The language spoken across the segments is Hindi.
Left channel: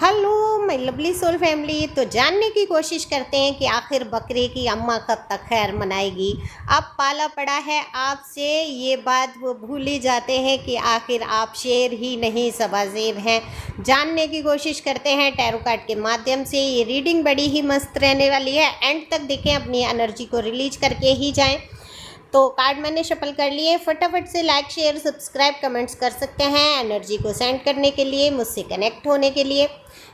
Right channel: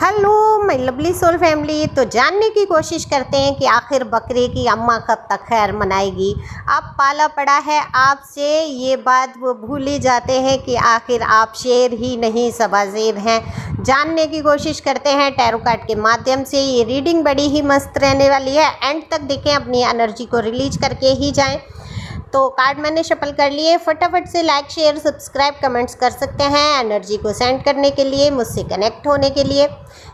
Hello my lovely soul family. तो जानने की कोशिश करते हैं कि आखिर बकरे की अम्मा कब तक खैर मनाएगी। अब पाला पड़ा है आपसे, ये बात वो भूल ही जाते हैं कि आखिर आप शेर ही नहीं सबाज़ेर हैं। जानने की कोशिश करते हैं टैरो कार्ड के माध्यम से। ये रीडिंग बड़ी ही मस्त रहने वाली है, एंड तक देखें, अपनी एनर्जी को रिलीज करके ही जाएँ। तो कार्ड मैंने शफल कर लिए। फटाफट से लाइक शेयर सब्सक्राइब कमेंट्स कर सकते हैं। एनर्जी को सेंड करने के लिए, मुझसे कनेक्ट होने के लिए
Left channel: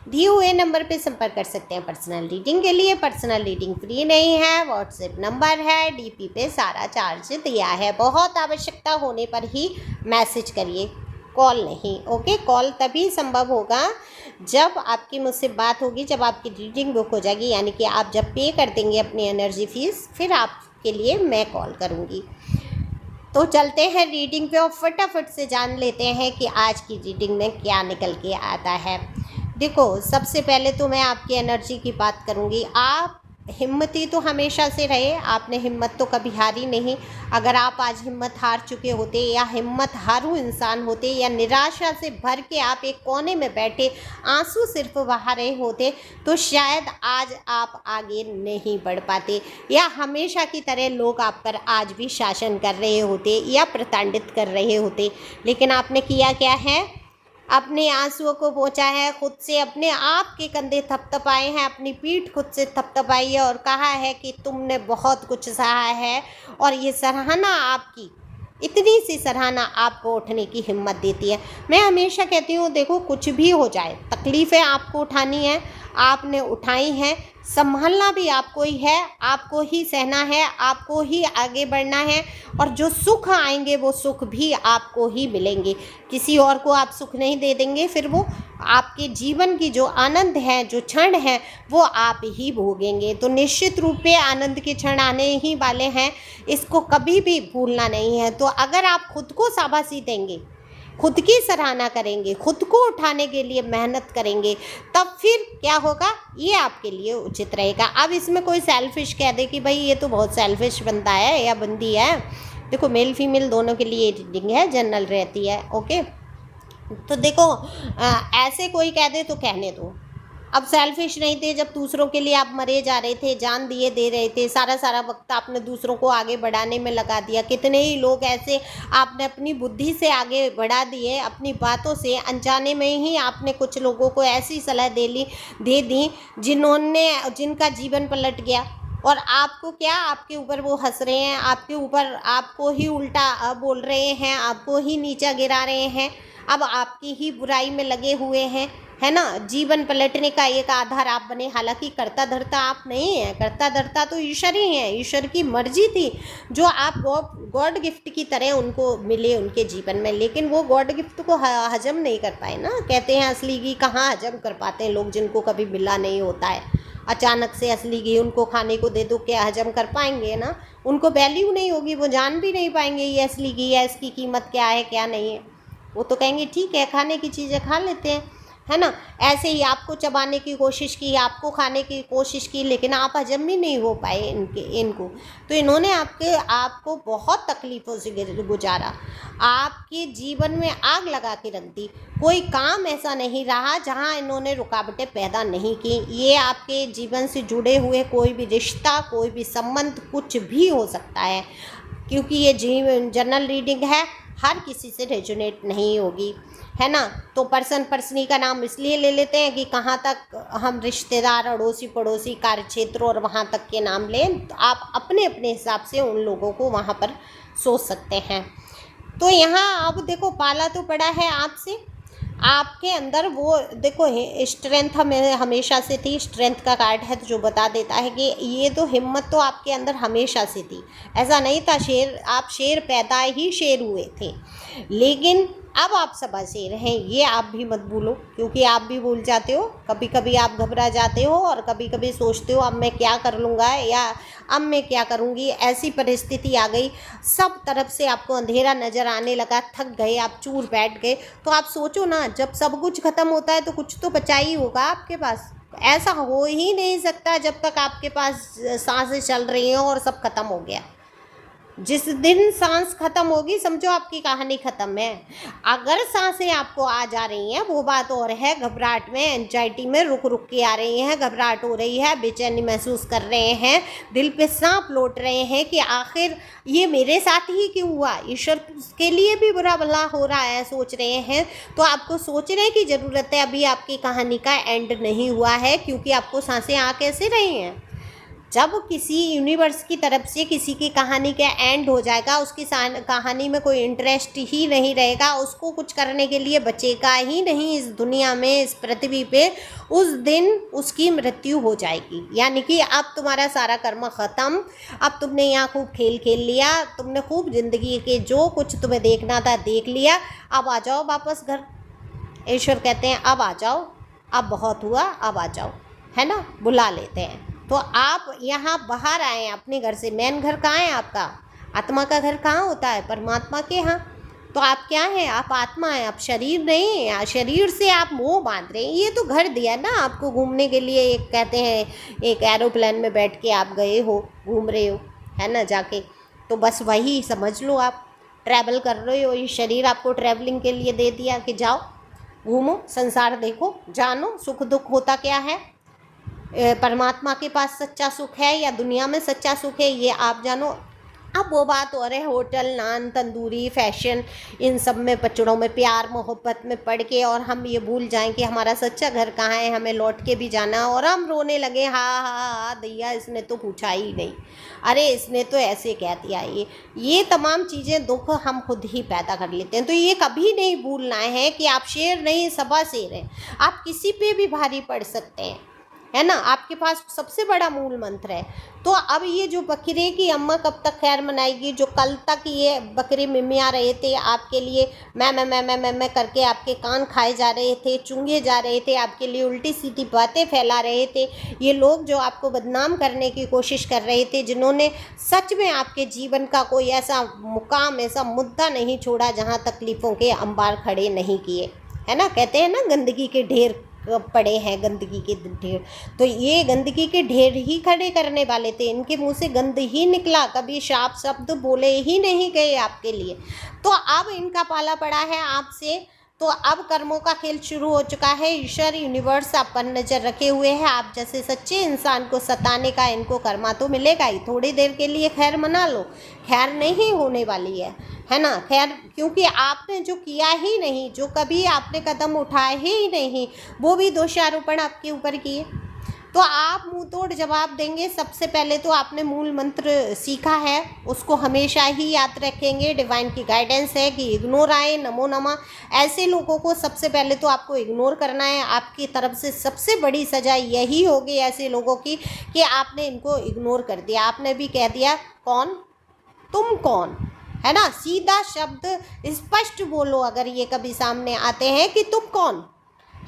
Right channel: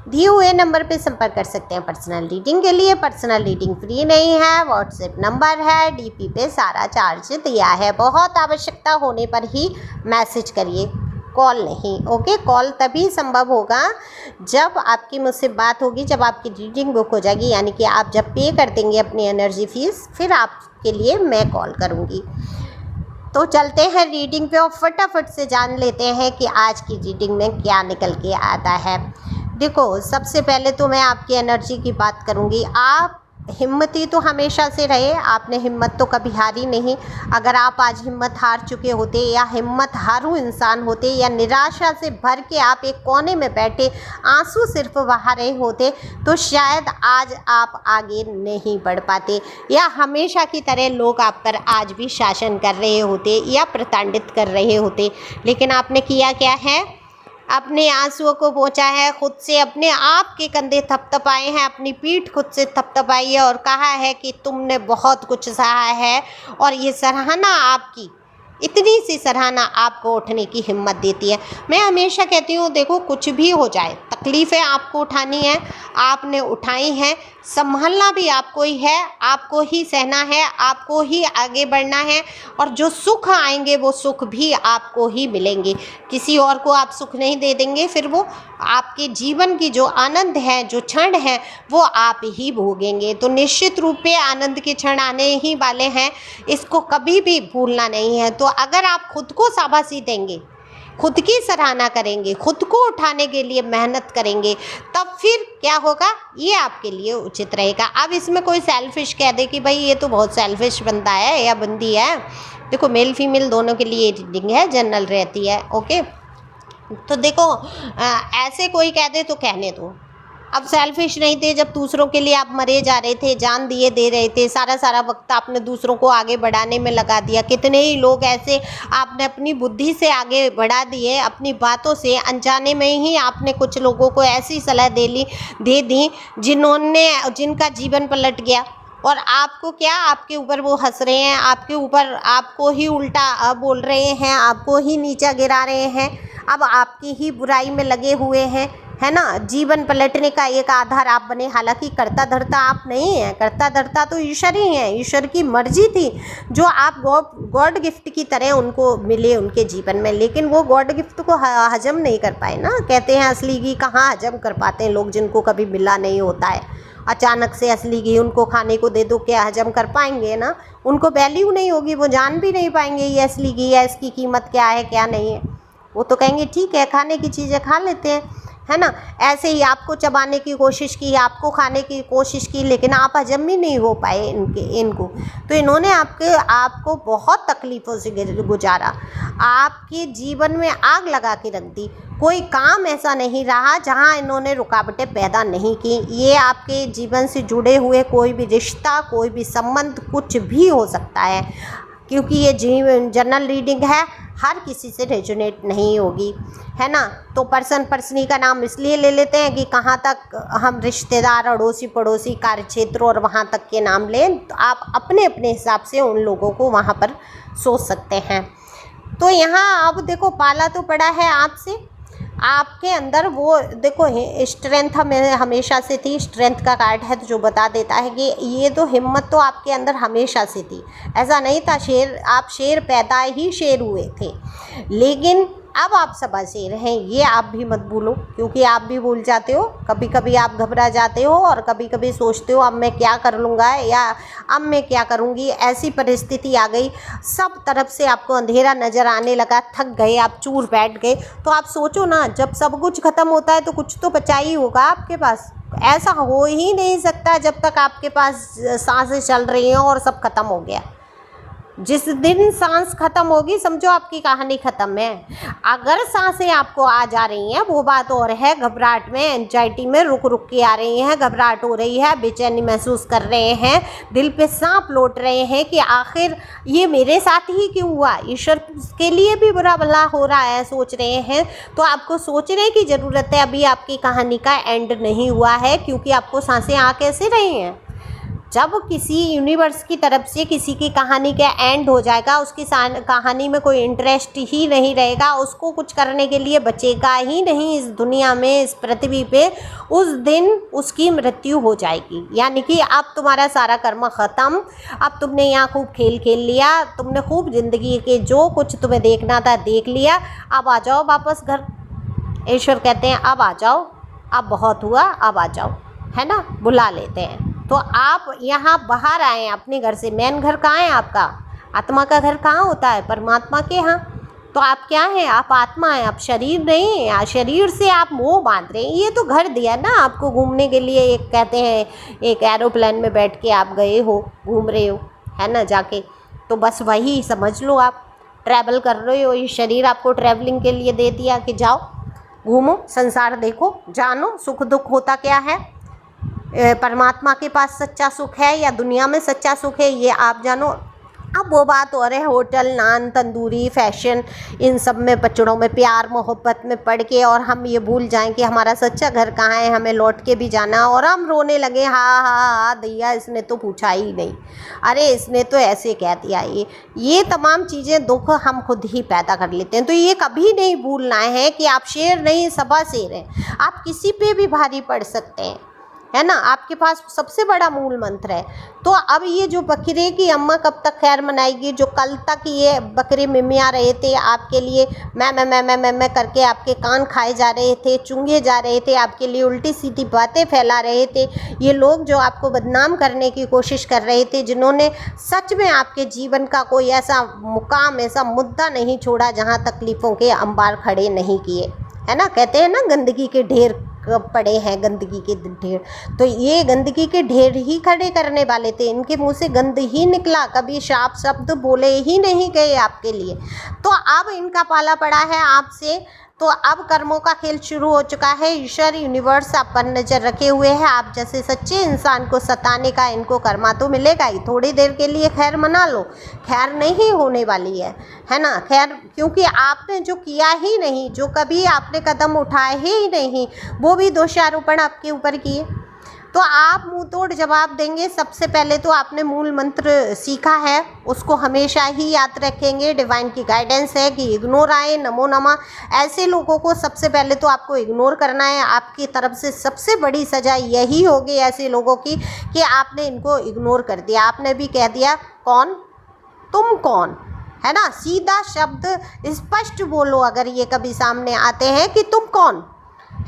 दिए हुए नंबर पे संपर्क कर सकते हैं पर्सनल रीडिंग के लिए। पर्सनल रीडिंग फ्री नहीं है, व्हाट्सएप नंबर है, डीपी पे सारा चार्ज दिया है। बहुत आवश्यकता होने पर ही मैसेज करिए, कॉल नहीं। ओके, कॉल तभी संभव होगा जब आपकी मुझसे बात होगी, जब आपकी रीडिंग बुक हो जाएगी, यानी कि आप जब पे कर देंगे अपनी एनर्जी फीस, फिर आपके लिए मैं कॉल करूँगी। तो चलते हैं रीडिंग पे और फटाफट से जान लेते हैं कि आज की रीडिंग में क्या निकल के आता है। देखो, सबसे पहले तो मैं आपकी एनर्जी की बात करूँगी। आप हिम्मती तो हमेशा से रहे, आपने हिम्मत तो कभी हारी नहीं। अगर आप आज हिम्मत हार चुके होते, या हिम्मत हारू इंसान होते, या निराशा से भर के आप एक कोने में बैठे आंसू सिर्फ बहा रहे होते, तो शायद आज आप आगे नहीं बढ़ पाते, या हमेशा की तरह लोग आप पर आज भी शासन कर रहे होते या प्रताड़ित कर रहे होते। लेकिन आपने किया क्या है? अपने आंसुओं को पोंछा है, खुद से अपने आप के कंधे थपथपाए हैं, अपनी पीठ खुद से थपथपाई है और कहा है कि तुमने बहुत कुछ सहा है। और ये सराहना आपकी, इतनी सी सराहना आपको उठने की हिम्मत देती है। मैं हमेशा कहती हूँ, देखो, कुछ भी हो जाए, तकलीफ़ें आपको उठानी है, आपने उठाई हैं, संभलना भी आपको ही है, आपको ही सहना है, आपको ही आगे बढ़ना है। और जो सुख आएंगे वो सुख भी आपको ही मिलेंगे, किसी और को आप सुख नहीं दे देंगे। फिर वो आपके जीवन की जो आनंद है, जो क्षण है, वो आप ही भोगेंगे। तो निश्चित रूप पे आनंद के क्षण आने ही वाले हैं, इसको कभी भी भूलना नहीं है। तो अगर आप खुद को शाबाशी देंगे, खुद की सराहना करेंगे, खुद को उठाने के लिए मेहनत करेंगे, तब फिर क्या होगा, ये आपके लिए उचित रहेगा। अब इसमें कोई सेल्फिश कह दे कि भाई ये तो बहुत सेल्फिश बंदा है या बंदी है, देखो, मेल फीमेल दोनों के लिए रीडिंग है, जनरल रहती है। ओके, तो देखो, ऐसे कोई कह दे तो कहने दो। अब सेल्फिश नहीं थे जब दूसरों के लिए आप मरे जा रहे थे, जान दिए दे रहे थे, सारा वक्त आपने दूसरों को आगे बढ़ाने में लगा दिया। कितने ही लोग ऐसे आपने अपनी बुद्धि से आगे बढ़ा दिए, अपनी बातों से, अनजाने में ही आपने कुछ लोगों को ऐसी सलाह दे दी जिनका जीवन पलट गया। और आपको क्या, आपके ऊपर वो हंस रहे हैं, आपके ऊपर आपको ही उल्टा बोल रहे हैं, आपको ही नीचा गिरा रहे हैं, अब आपकी ही बुराई में लगे हुए हैं, है ना। जीवन पलटने का एक आधार आप बने। हालांकि करता धरता आप नहीं हैं, करता धरता तो ईश्वर ही हैं। ईश्वर की मर्जी थी जो आप गॉड गिफ्ट की तरह उनको मिले उनके जीवन में, लेकिन वो गॉड गिफ्ट को हजम नहीं कर पाए ना। कहते हैं असली घी कहाँ हजम कर पाते हैं लोग, जिनको कभी मिला नहीं होता है। अचानक से असली घी उनको खाने को दे दो, क्या हजम कर पाएंगे ना? उनको वैल्यू नहीं होगी, वो जान भी नहीं पाएंगे ये असली घी है, इसकी कीमत क्या है क्या नहीं है। वो तो कहेंगे ठीक है, खाने की चीज़ें खा लेते हैं, है ना। ऐसे ही आपको चबाने की कोशिश की, आपको खाने की कोशिश की, लेकिन आप हजम भी नहीं हो पाए इनको। तो इन्होंने आपको बहुत तकलीफ़ों से गुजारा, आपके जीवन में आग लगा के रख दी। कोई काम ऐसा नहीं रहा जहां इन्होंने रुकावटें पैदा नहीं की। ये आपके जीवन से जुड़े हुए कोई भी रिश्ता, कोई भी संबंध, कुछ भी हो सकता है, क्योंकि ये जनरल रीडिंग है, हर किसी से रेजोनेट नहीं होगी, है ना। तो पर्सनी का नाम इसलिए ले लेते हैं कि कहाँ तक हम रिश्तेदार, अड़ोसी पड़ोसी, कार्य क्षेत्र और वहाँ तक के नाम लें। तो आप अपने अपने हिसाब से उन लोगों को वहाँ पर सोच सकते हैं। तो यहाँ अब देखो, पाला तो पड़ा है आपसे, आपके अंदर वो देखो स्ट्रेंथ हमें हमेशा से थी। स्ट्रेंथ का कार्ड है तो जो बता देता है कि ये तो हिम्मत तो आपके अंदर हमेशा से थी। ऐसा नहीं था आप शेर पैदा ही शेर हुए थे, लेकिन अब आप सबाशेर हैं, ये आप भी मत भूलो, क्योंकि आप भी भूल जाते हो। कभी कभी आप घबरा जाते हो और कभी कभी सोचते हो अब मैं क्या कर लूँगा या अब मैं क्या करूँगी। ऐसी परिस्थिति आ गई, सब तरफ से आपको अंधेरा नज़र आने लगा, थक गए, आप चूर बैठ गए। तो आप सोचो ना, जब सब कुछ ख़त्म होता है तो कुछ तो बचा ही होगा आपके पास। ऐसा हो ही नहीं सकता जब तक आपके पास सांसें चल रही हैं और सब ख़त्म हो गया। जिस दिन सांस खत्म होगी समझो आपकी कहानी खत्म है। अगर सांसें आपको आ जा रही हैं वो बात और है, घबराहट में, एंजाइटी में रुक रुक के आ रही हैं, घबराहट हो रही है, बेचैनी महसूस कर रहे हैं, दिल पे सांप लौट रहे हैं कि आखिर ये मेरे साथ ही क्यों हुआ, ईश्वर के लिए भी बुरा भला हो रहा है, सोच रहे हैं। तो आपको सोचने की ज़रूरत है, अभी आपकी कहानी का एंड नहीं हुआ है, क्योंकि आपको सांसें आ कैसे रही हैं। जब किसी यूनिवर्स की तरफ से किसी की कहानी का एंड हो जाएगा, उसकी कहानी में कोई इंटरेस्ट ही नहीं रहेगा, उसको कुछ करने के लिए बचेगा ही नहीं इस दुनिया में, इस पृथ्वी पे, उस दिन उसकी मृत्यु हो जाएगी। यानी कि अब तुम्हारा सारा कर्म ख़त्म, अब तुमने यहाँ खूब खेल खेल लिया, तुमने खूब ज़िंदगी के जो कुछ तुम्हें देखना था देख लिया, अब आ जाओ वापस घर। ईश्वर कहते हैं अब आ जाओ, अब बहुत हुआ, अब आ जाओ, है ना, बुला लेते हैं। तो आप यहाँ बाहर आए हैं अपने घर से। मेन घर कहाँ है आपका? आत्मा का घर कहाँ होता है? परमात्मा के यहाँ। तो आप क्या हैं? आप आत्मा हैं, आप शरीर नहीं हैं। शरीर से आप मोह बांध रहे हैं। ये तो घर दिया ना आपको घूमने के लिए, एक कहते हैं एक एरोप्लेन में बैठ के आप गए हो, घूम रहे हो, है ना, जाके, तो बस वही समझ लो, आप ट्रैवल कर रहे हो। ये शरीर आपको ट्रैवलिंग के लिए दे दिया कि जाओ घूमो, संसार देखो, जानो सुख दुख होता क्या है, परमात्मा के पास सच्चा सुख है या दुनिया में सच्चा सुख है, ये आप जानो। अब वो बात और है, होटल, नान, तंदूरी, फैशन, इन सब में बच्चों में प्यार मोहब्बत में पड़ के और हम ये भूल जाएं कि हमारा सच्चा घर कहाँ है, हमें लौट के भी जाना, और हम रोने लगे, हाँ हाँ हाँ दैया इसने तो पूछा ही नहीं, अरे इसने तो ऐसे कह दिया। ये तमाम चीज़ें दुख हम खुद ही पैदा कर लेते हैं। तो ये कभी नहीं भूलना है कि आप शेर नहीं सबा शेर हैं, आप किसी पे भी भारी पड़ सकते हैं, है ना, आपके पास सबसे बड़ा मूल मंत्र है। तो अब ये जो बकरे की अम्मा कब तक खैर मनाएगी? जो कल तक ये बकरे मिमिया रहे थे आपके लिए, मैं करके आपके कान खाए जा रहे थे, चूंगे जा रहे थे, आपके लिए उल्टी सीधी बातें फैला रहे थे, ये लोग जो आपको बदनाम करने की कोशिश कर रहे थे, जिन्होंने सच में आपके जीवन का कोई ऐसा मुकाम, ऐसा मुद्दा नहीं छोड़ा जहाँ तकलीफ़ों के अंबार खड़े नहीं किए, है ना। कहते हैं ना गंदगी के ढेर पड़े हैं, गंदगी के ढेर, तो ये गंदगी के ढेर ही खड़े करने वाले थे। इनके मुंह से गंद ही निकला, कभी शाप शब्द बोले ही नहीं गए आपके लिए। तो अब इनका पाला पड़ा है आपसे। तो अब कर्मों का खेल शुरू हो चुका है। ईश्वर यूनिवर्स आप पर नज़र रखे हुए हैं। आप जैसे सच्चे इंसान को सताने का इनको कर्मा तो मिलेगा ही। थोड़ी देर के लिए खैर मना लो, खैर नहीं होने वाली है ना, खैर, क्योंकि आपने जो किया ही नहीं, जो कभी आपने कदम उठाए ही नहीं, वो भी दोषारोपण आपके ऊपर किए। तो आप मुंह तोड़ जवाब देंगे। सबसे पहले तो आपने मूल मंत्र सीखा है, उसको हमेशा ही याद रखेंगे। डिवाइन की गाइडेंस है कि इग्नोर आए, नमो नमः, ऐसे लोगों को सबसे पहले तो आपको इग्नोर करना है। आपकी तरफ से सबसे बड़ी सज़ा यही होगी ऐसे लोगों की कि आपने इनको इग्नोर कर दिया। आपने भी कह दिया कौन, तुम कौन, है ना, सीधा शब्द स्पष्ट बोलो अगर ये कभी सामने आते हैं कि तुम कौन,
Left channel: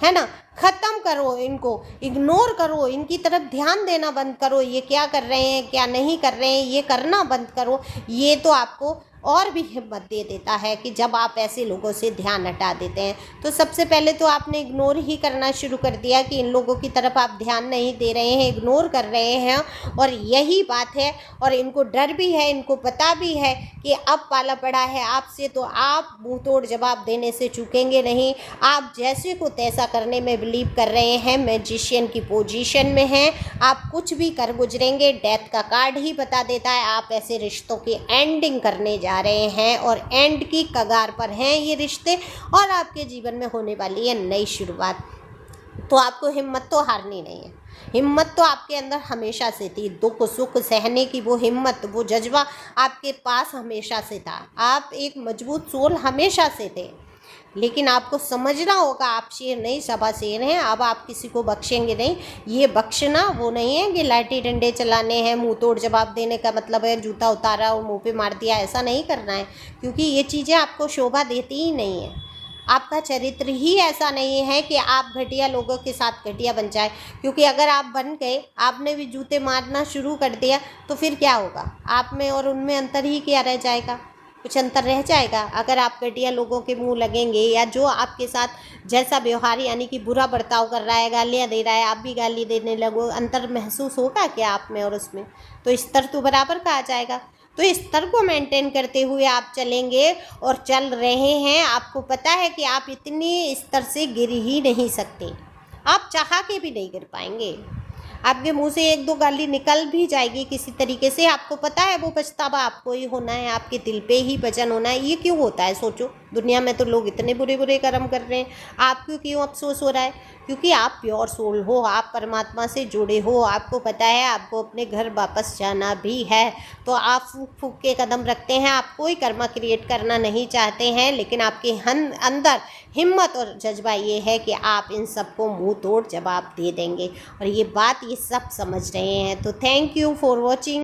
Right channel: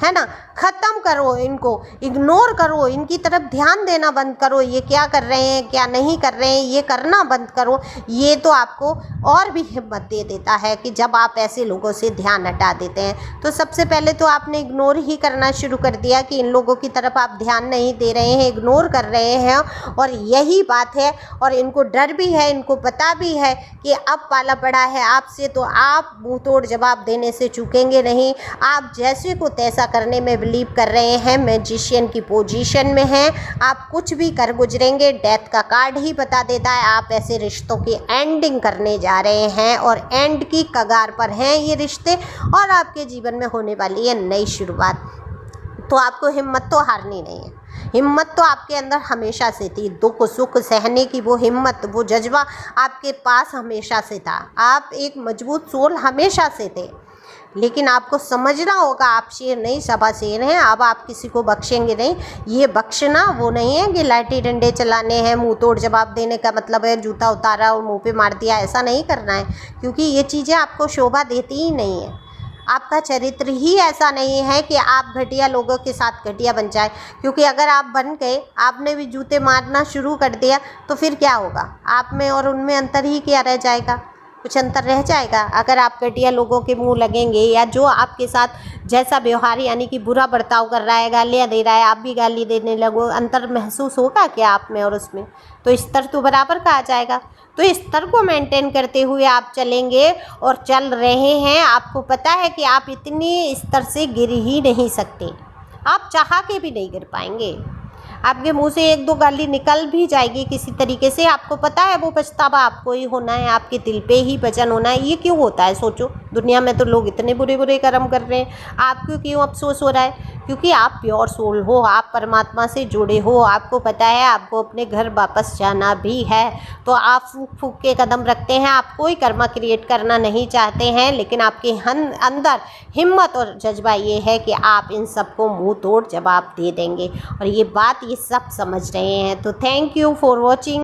है ना। ख़त्म करो इनको, इग्नोर करो, इनकी तरफ ध्यान देना बंद करो। ये क्या कर रहे हैं, क्या नहीं कर रहे हैं, ये करना बंद करो। ये तो आपको और भी हिम्मत दे देता है कि जब आप ऐसे लोगों से ध्यान हटा देते हैं। तो सबसे पहले तो आपने इग्नोर ही करना शुरू कर दिया कि इन लोगों की तरफ आप ध्यान नहीं दे रहे हैं, इग्नोर कर रहे हैं, और यही बात है। और इनको डर भी है, इनको पता भी है कि अब पाला पड़ा है आपसे, तो आप मुँह तोड़ जवाब देने से चूकेंगे नहीं। आप जैसे को तैसा करने में बिलीव कर रहे हैं, मैजिशियन की पोजीशन में हैं, आप कुछ भी कर गुजरेंगे। डेथ का कार्ड ही बता देता है आप ऐसे रिश्तों की एंडिंग करने जा रहे हैं, और एंड की कगार पर हैं ये रिश्ते, और आपके जीवन में होने वाली है नई शुरुआत। तो आपको हिम्मत तो हारनी नहीं है। हिम्मत तो आपके अंदर हमेशा से थी, दुख सुख सहने की वो हिम्मत, वो जज्बा आपके पास हमेशा से था। आप एक मजबूत सोल हमेशा से थे, लेकिन आपको समझना होगा आप शेर नहीं सबा शेर हैं। अब आप किसी को बख्शेंगे नहीं। ये बख्शना वो नहीं है कि लाठी डंडे चलाने हैं, मुंह तोड़ जवाब देने का मतलब है जूता उतारा और मुंह पे मार दिया, ऐसा नहीं करना है, क्योंकि ये चीज़ें आपको शोभा देती ही नहीं है। आपका चरित्र ही ऐसा नहीं है कि आप घटिया लोगों के साथ घटिया बन जाए, क्योंकि अगर आप बन गए, आपने भी जूते मारना शुरू कर दिया, तो फिर क्या होगा? आप में और उनमें अंतर ही क्या रह जाएगा? कुछ अंतर रह जाएगा? अगर आप घटिया लोगों के मुंह लगेंगे, या जो आपके साथ जैसा व्यवहार यानी कि बुरा बर्ताव कर रहा है, गालियाँ दे रहा है, आप भी गाली देने लगो, अंतर महसूस होगा क्या आप में और उसमें? तो स्तर तो बराबर का आ जाएगा। तो इस स्तर को मेंटेन करते हुए आप चलेंगे और चल रहे हैं, आपको पता है कि आप इतनी स्तर से गिर ही नहीं सकते, आप चाह के भी नहीं गिर पाएंगे। आपके मुंह से एक दो गाली निकल भी जाएगी किसी तरीके से, आपको पता है वो पछतावा आपको ही होना है, आपके दिल पे ही वजन होना है। ये क्यों होता है सोचो, दुनिया में तो लोग इतने बुरे बुरे कर्म कर रहे हैं, आपको क्यों अफसोस हो रहा है? क्योंकि आप प्योर सोल हो, आप परमात्मा से जुड़े हो, आपको पता है आपको अपने घर वापस जाना भी है, तो आप फूक फूक के कदम रखते हैं, आप कोई कर्मा क्रिएट करना नहीं चाहते हैं, लेकिन आपके अंदर हिम्मत और जज्बा ये है कि आप इन सबको मुंह तोड़ जवाब दे देंगे, और ये बात ये सब समझ रहे हैं। तो थैंक यू फॉर वॉचिंग।